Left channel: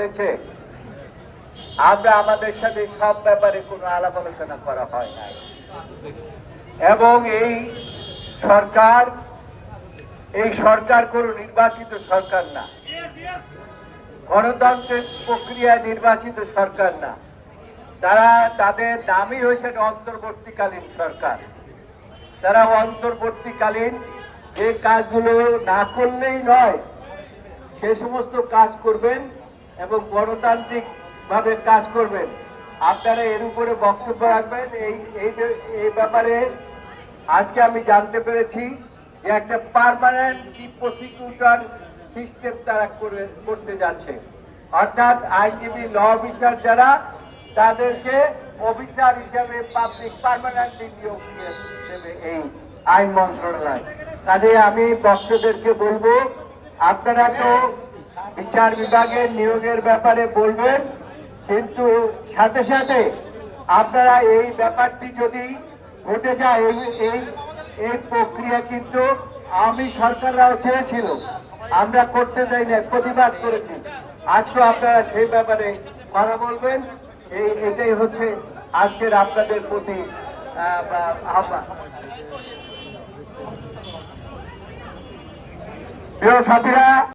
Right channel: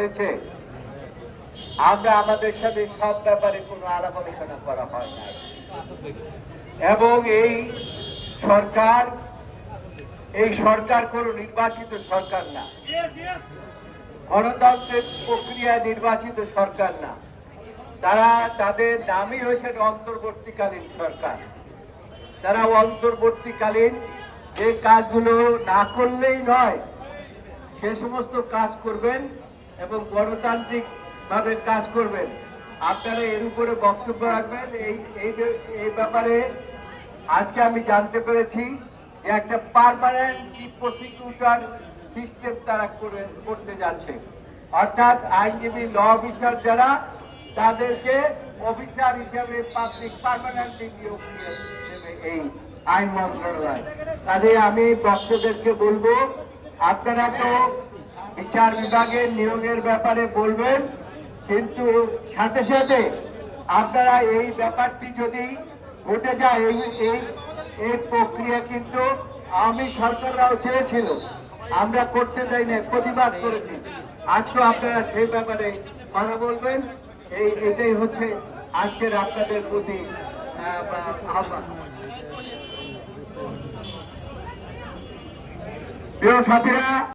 হয়েছে, আমরা আমাদের সাথে সব ব্যাপারে কোনো আলাপ আলোচনা করা হয় না এবং এই সরকার কোনো নির্বাচিত সরকার না, গণতন্ত্রের প্রক্রিয়ায় নির্বাচিত সরকার না। তাদের নামই হয়েছে অন্তর্বর্তীকালীন সরকার। তারা অন্তর্বর্তীকালীন যে কাজগুলো না করলেই নয় সে সমস্ত কাজ করবেন এবং গণতান্ত্রিক ভাবে কাজ করবেন। আপনারা এর উপরে বক্তব্য রাখবেন। এই ব্যাপারে আজকে আমি জানতে পেরেছি যে একটা পার্মানেন্ট প্রসিকিউটর সিস্টেম তারা করতে যাচ্ছে, অর্থাৎ আইনজীবী ল অফিসার যারা তাদেরকে অফিসার হিসাবে পাবলিক পার্মানেন্টলি নিয়োগ দেবে এই আইন মন্ত্রণালয়। কাজে আমি বক্তাদেরকে বলবো, আপনারা তো বিচার বিভাগের নিয়োগের ব্যাপারে বলবেন, কিন্তু সাথে সাথে আপনারা এই ব্যাপারটি যদি ঘটে যায়, এই প্রক্রিয়া কিন্তু আওয়ামী সরকাররাও চেয়েছিল, আমরা করতে দেই না, প্রতিবাদ করেছি। আজকে আপনারা সেই ব্যাপারে কথা বলবেন। এটাই হচ্ছে আজকের আপনাদের প্রতি আহ্বান। প্রিয় সাথীরা,